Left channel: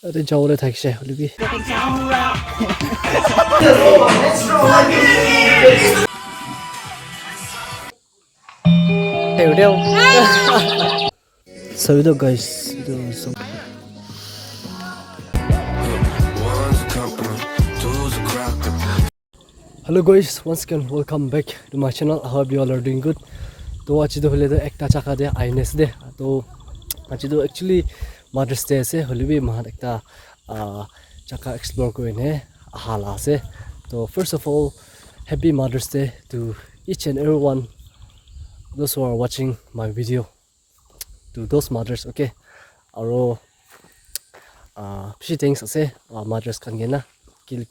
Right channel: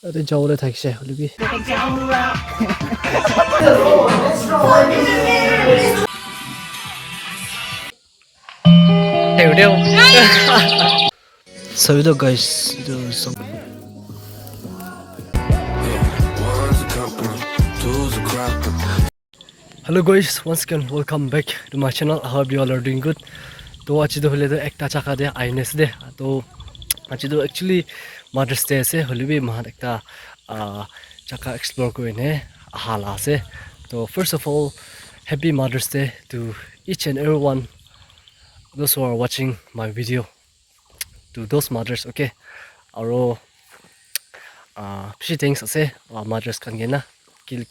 अरे जाओले थाकिसे हलिबी Hey, video. So you know, guys, do some. Hello guys, once again welcome back to my channel. I hope you all are doing good. तो आज तो होले तो एक ताचा का दे आईनेस दे तो आज तो actually Mother's Day से होले भी महान एक ता चका explore को इन्हें हाला से तो first of all happy Mother's Day to each and everyone those who are watching my video, to those mothers, okay. Aro few things ase mothers kan gena kile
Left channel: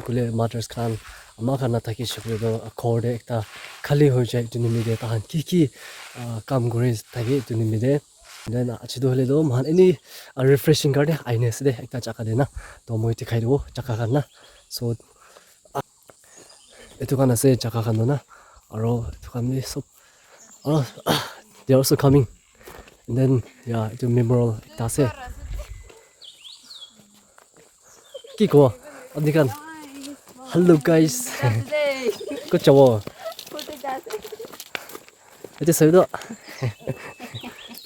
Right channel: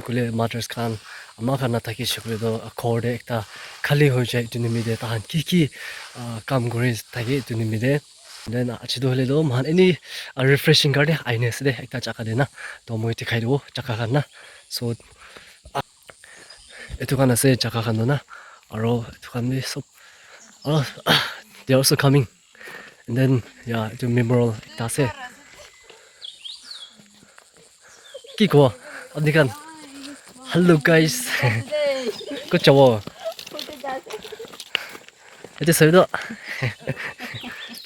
kule mothers kan ama kan na thaki shukre do accord ekta khali ho jai tu nimide tahan ki kam gore thaki tu nimide. Then achido hole do man any refreshing garde aine se de ekta chaka de na to moi dikhai do chaka kan na. So etu kan ase chaka kan do na aro etu kan ni sob they're also coming. And then yeah, the memorial ekta ase ki ko abni kan. Hello guys. Good job. It is so.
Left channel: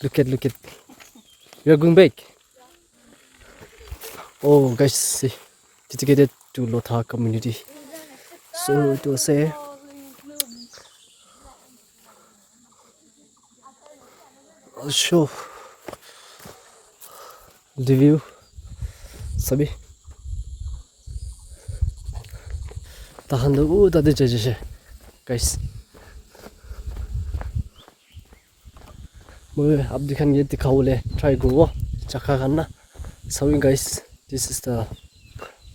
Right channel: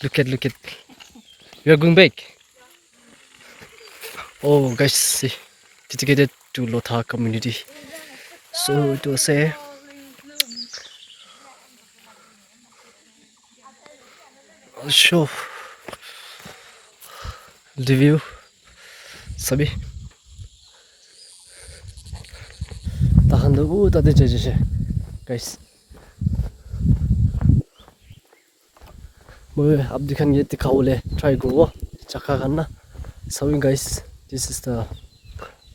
Look at. We are going back. Oh guys, see, dedicated to Lotha community. So it was a show the view. Sabi. Tahan do tade jeje guys. Moi ab dikhan ye dikhaule try go chaka kan na. So guys, this is the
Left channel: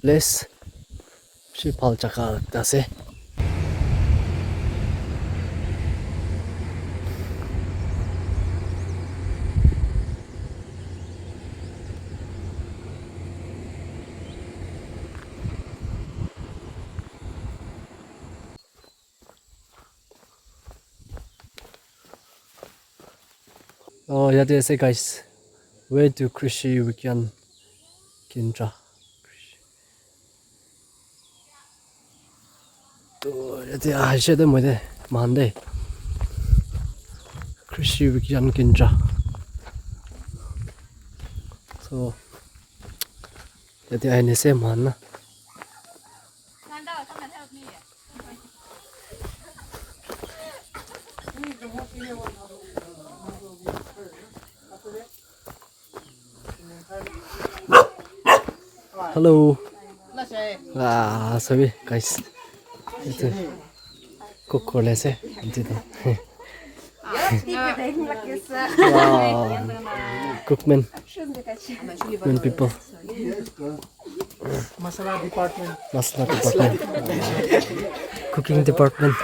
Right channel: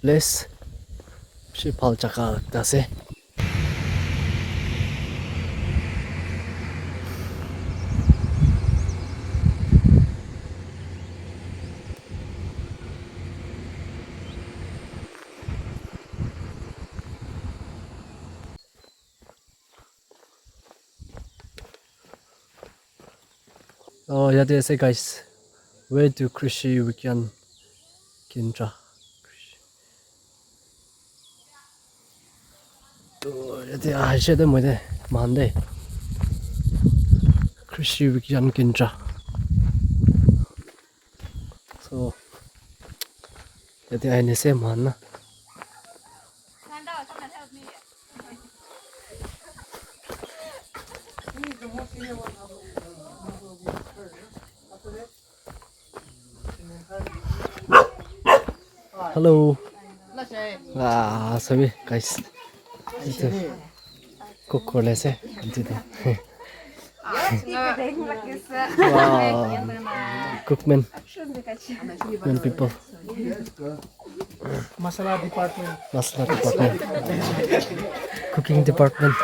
place. She pal chaka dase. Oh yeah, they say guys, where do Krishi Wikyan Kindra? To yeah, I said them with it Monday. Krishi Wikyan Kindra. So yeah, I say man. Hello. Sorry guys. Itu kokole se antito. Wow. Cookmen. Men people. Masala department. Cooking department.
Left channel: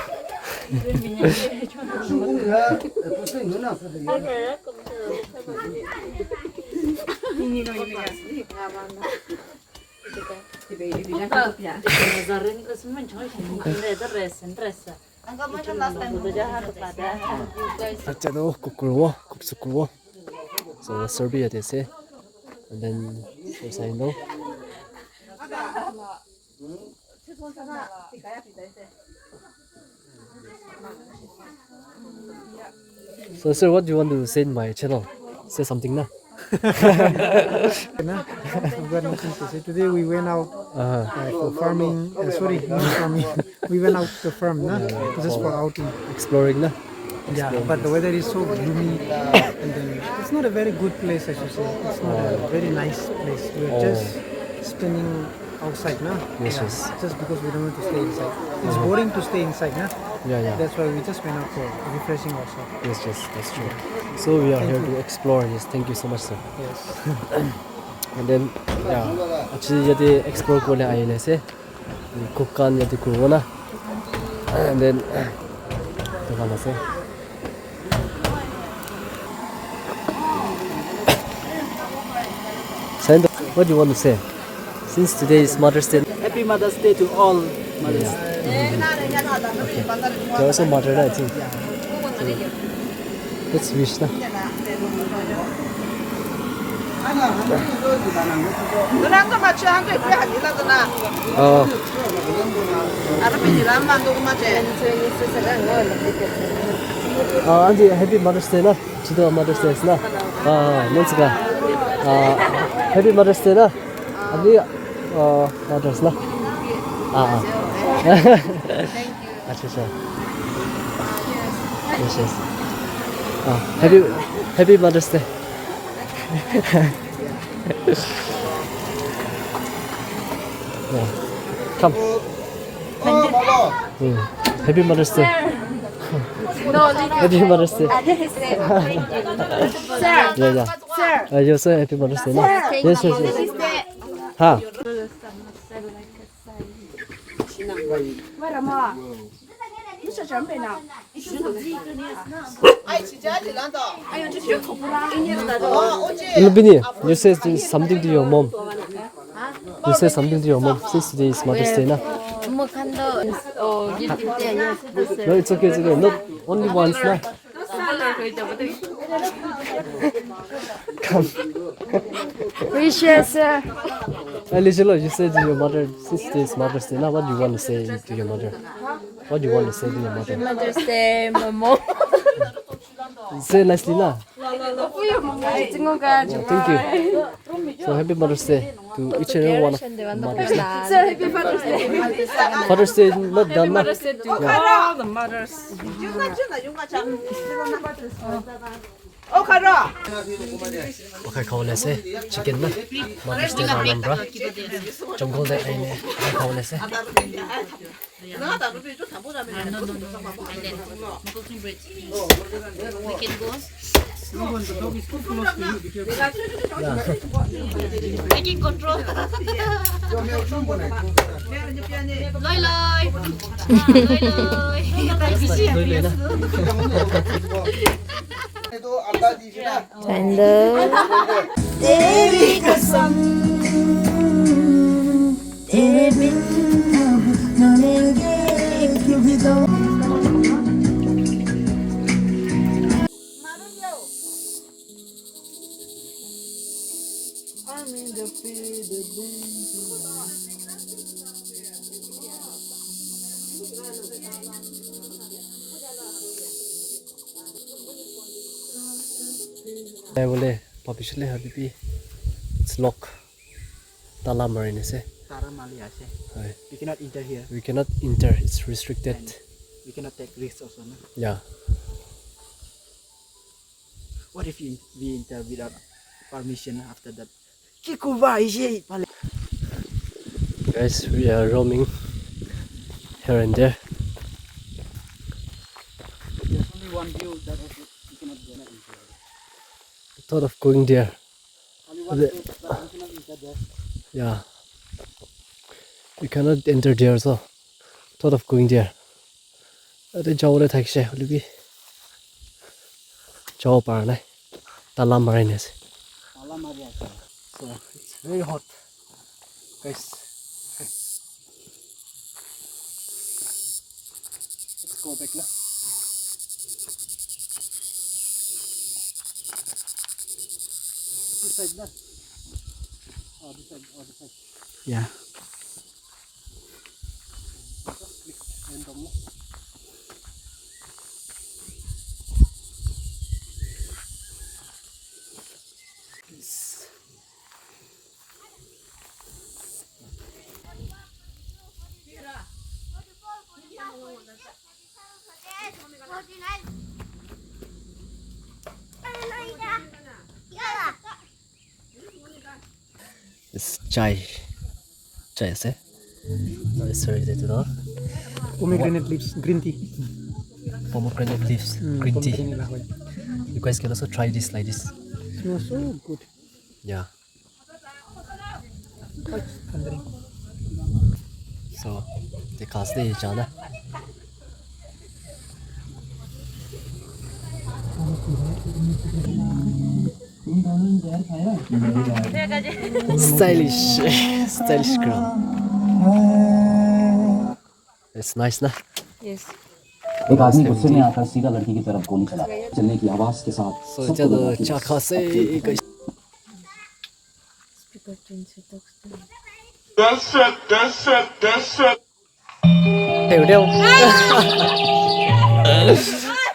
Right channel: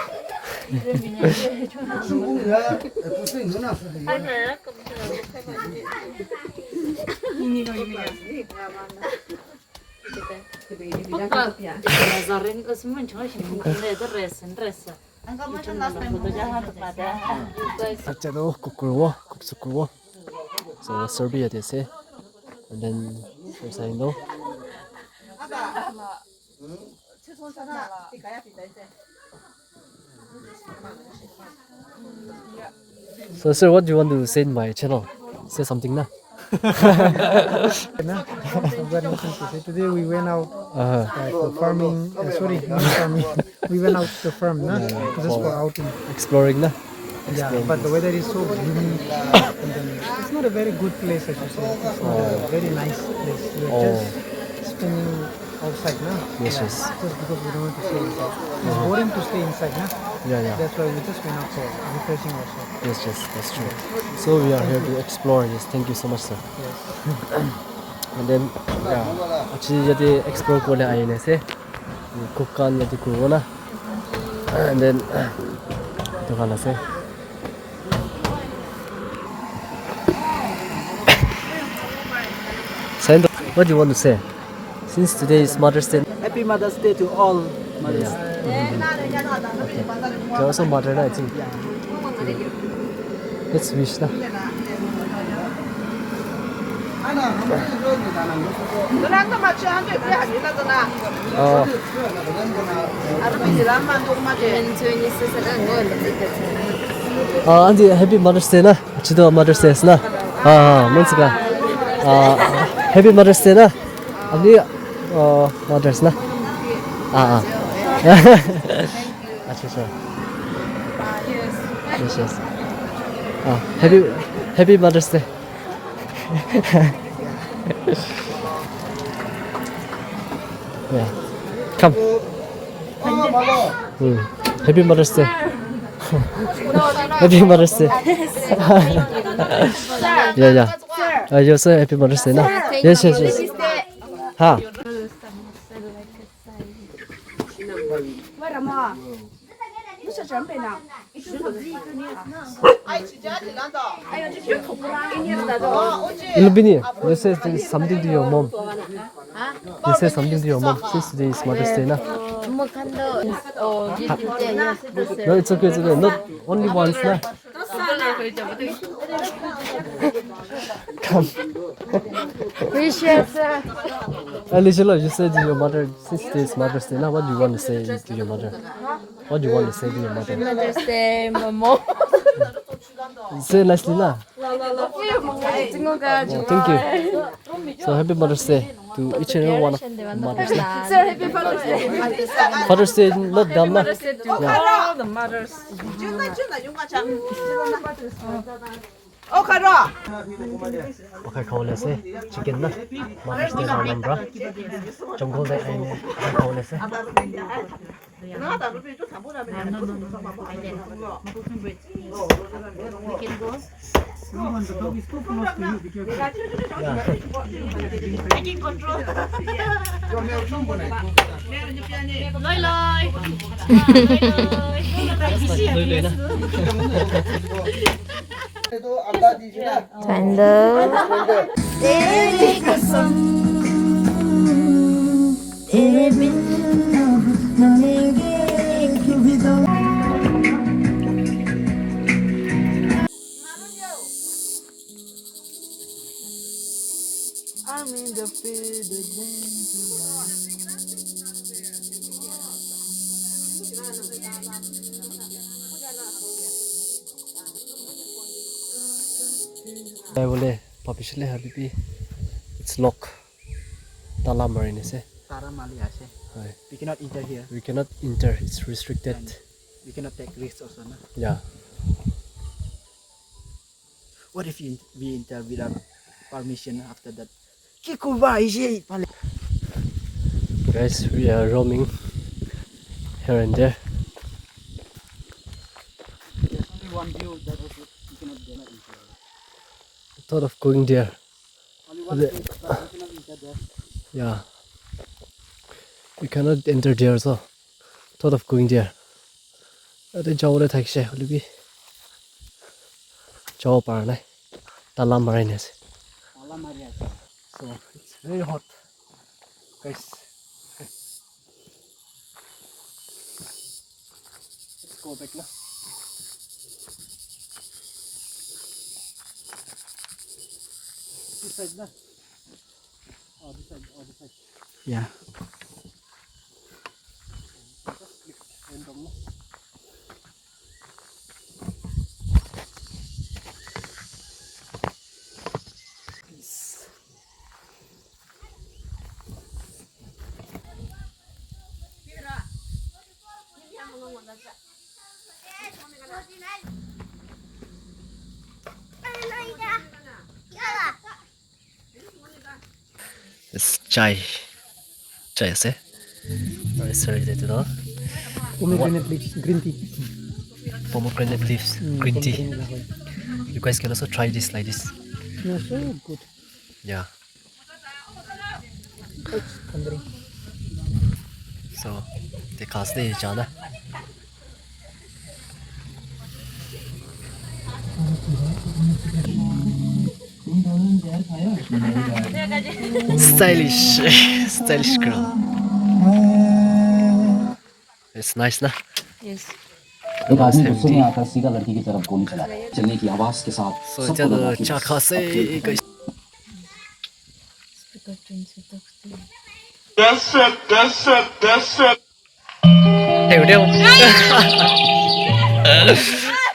So Serbia they say, and then as I know. So sir, what do you want to say in my channel? Say something now. I've got nothing to say. Today we went out for farming. Sorry, not farming. We went out to farm, just for outing. Exploring, na? Yeah, but the weather is so gloomy, and then it's not a very good place, I should say. It's not a very nice place. We are just staying outside, na? Yes, yeah, yes. just because we don't want to stay inside. It's boring to stay inside, na? Yeah. That's why we just went out for refreshing ourselves. Yes, that's true. So we are here to explore this. Thank you so much, sir. Yes. And then, yeah, actually, jadi explore ko na ayun se, kukan yatu corona, and then, ito ka na se. Sando, what do you want to say? Since today is Mother's Day. Happy Mother's Day to all mothers. Okay. You're also mother, I think. Let's wish na. Andy, happy Mother's Day na. Chido Mother's Day na. Monsika. Happy Mother's Day na. Andy, Mother's na. Acha. Yes. Happy Mother's Day. Yeah. Come. Happy Mother's Day. Happy Mother's Day. Yeah. You also Happy Mother's Day na. Yes. Ha. Ilubini, you say something to your mom. You say something to your mom since today is Mother's Day na. No, it's okay. Not only once na. Come. Wishes. Alicia, you said to your mother since today is Mother's Day na. What do you want to say to your mother? What do you want to say to your mother? Mother's Day, Mamo. Say nicely na. Thank Thank you. So happy Mother's Day to each and every one of mothers. Sir, happy Father's Day. Father's Day is not done na. All the mothers. Okay, kaule se chicken na. Mother's Day na bra. Jungle de aine kaule se. No. We can go. Taking control. Loi. Loi na. Candle. तेरी कसम तेरे बिन न लेंगे कभी दवा Boleh, papishle habibi. It's lock. Tala marine se. Tara mali ase. Hai. We cannot enter here. We cannot enter. It's restricted. We cannot take risks also. No? Yeah. What if we enter without permission after that? Kikuba is it? Guys, we are roaming here and there. There's only one view that we cannot go. Thought of going there. We cannot enter there. Yeah. We cannot enter there, so thought of going there. Ate jawle thakse holibi. Jaw parna. Tala marine se. So it's very hot, guys. Let's go back now. This side na. Oh, this side. Yeah. Just click random na. It's chai se. Sorry, that Pomegranate leaves, green tea. pomegranate leaves, green tea. Pomegranate lahoy. You guys can also try this like this. No, so good. Yeah. Thundering. So the cast day jana. Stylish girl. It's nice ना. Yes. एक आदमी गुस्से में आकर सीधा लड़की की तरफ गोली चलाया चलने की आवाज के साथ So जब चाका से đều đeo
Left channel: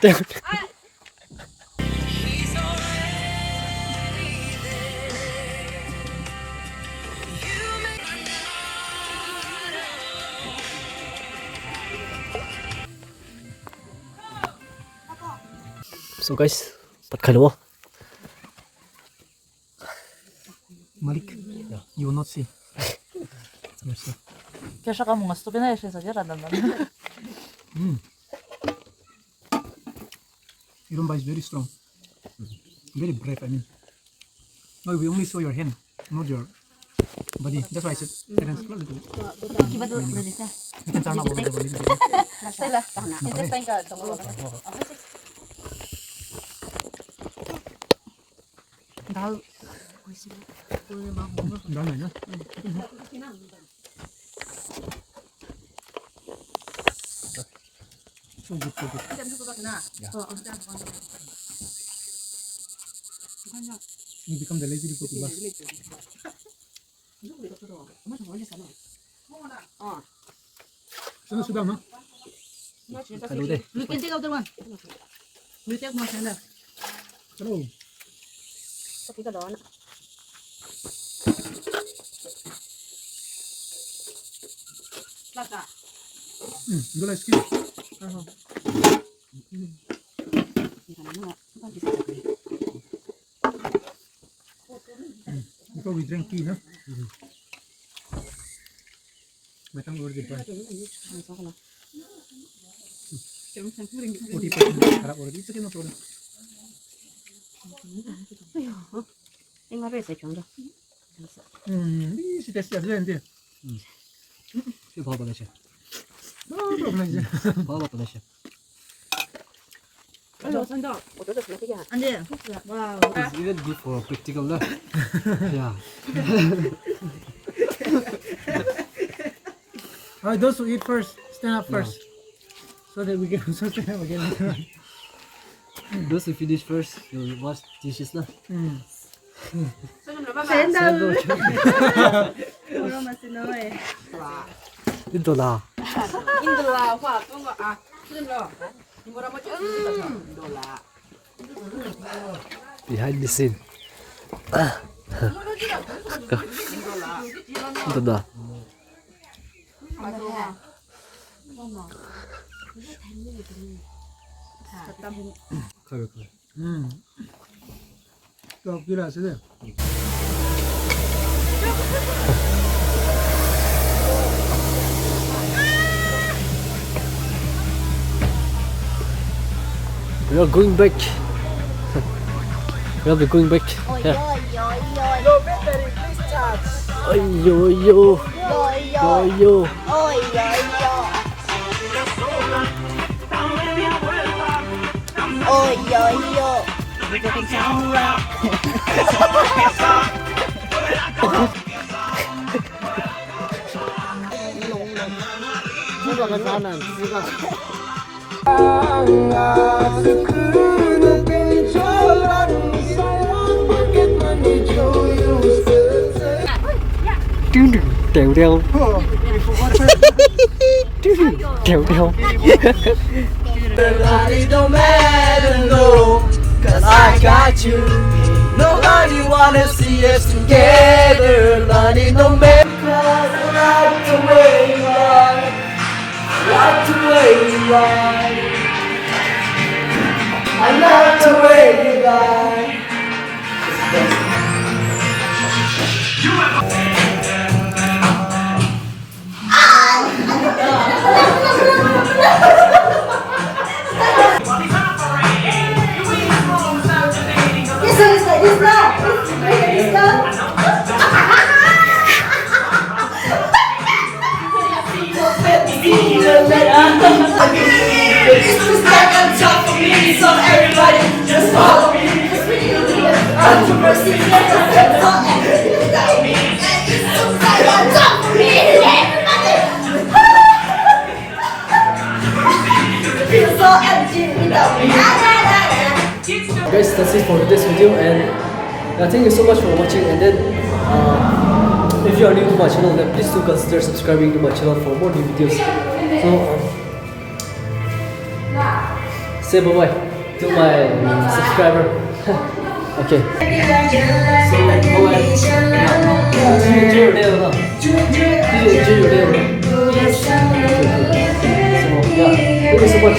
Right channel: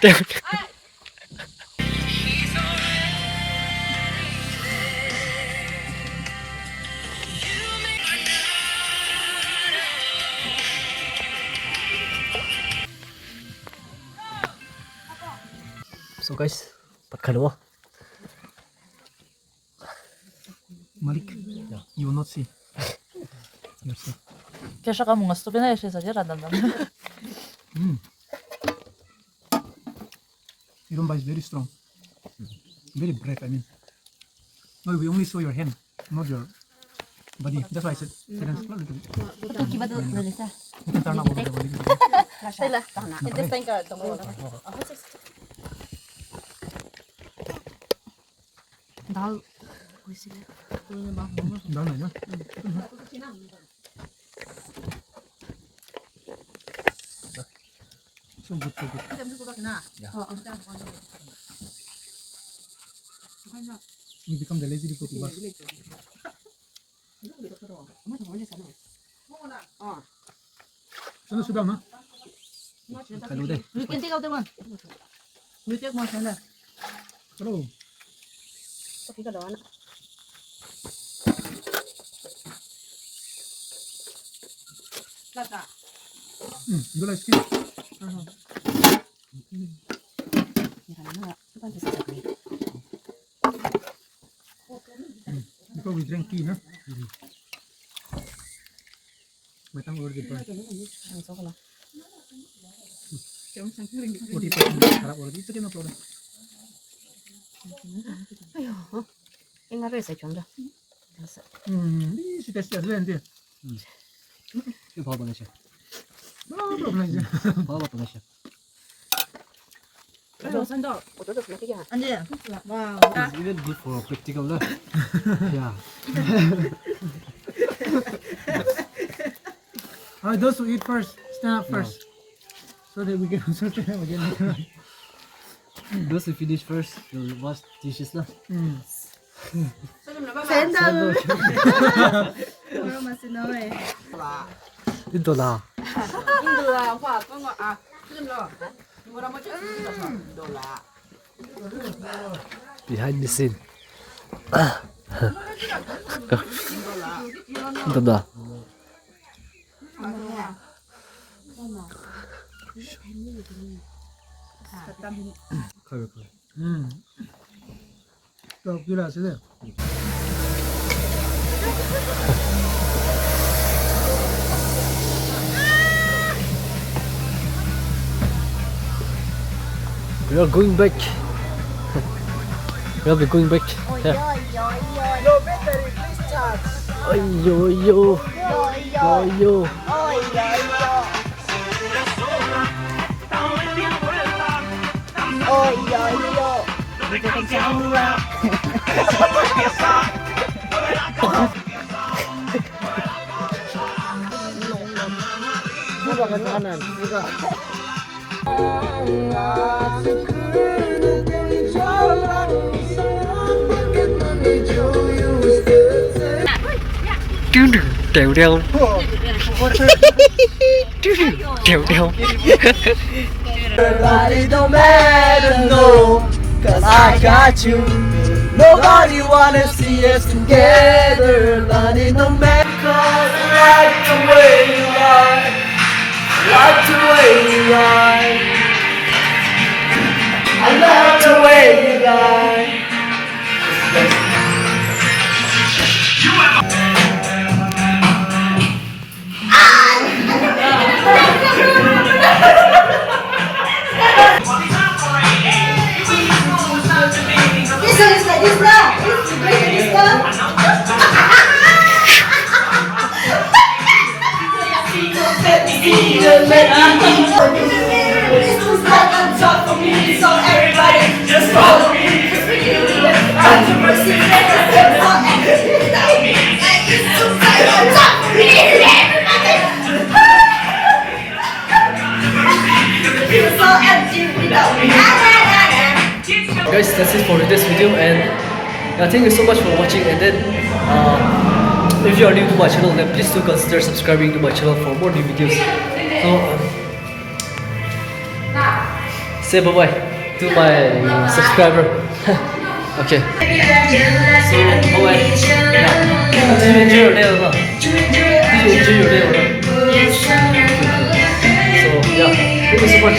đều. So guys, tất cả đúng không? Malik, you will not see. Kaya mga stupid na siya sa jera dan. Iromba is very strong. Very brave, I mean. No, we only saw your hand, not your body. That's why I said, Seren, a little bit. You can turn up over the body. Dal. Down này nhá. So good, so good. You become the lazy people to work. Sana sudah na? Kalau deh. You can take out the one. You take one sender. Hello. Tapi cái đó nè. You like skin? Before we drink tea, huh? Matang over the bar. 40% harap over. It's okay, no problem. Nhưng mà phải sẽ chọn được. Si test aja nanti. Itu bawa banget sih. No problem aja. Bawa banget sih. Ủa được mấy cái hả? Anjir. Wow. It's even good for practical lah. Yeah. Alright, those who eat first, stand up first, so that we can also stand up again later on. Those who finish first, you'll wash dishes lah. Sender. Orang masih noy. Itu lah. Indola apa tuh nggak Indola. Orang macam Behind the scene. Itu dah. Kau. Tuh, gila sudah. We are going back. We are going back. Yeah. No battery, please charge. Yo yo. Yo yo. Trèo đeo. Trèo đeo. Everybody don't matter, no, 'cause I got you. Nobody wanna see us together. Everybody don't matter, 'cause I like the way you lie, like the way you lie. I love the way you lie. This one is like this now. This is great like this now. This was like on top of me, so everybody just follow me. Controversy, never for everything without me. And this was like on top of me, everybody. Feel so empty without me. Guys, that's it for today's video, and thank you so much for watching. And then if you are new to my channel, then please do consider subscribing to my channel for more new videos. So say bye bye to my subscriber. Okay. So bye bye. Did you enjoy your day or not? Did you enjoy your day or not? Yes. So yeah, thank you so much.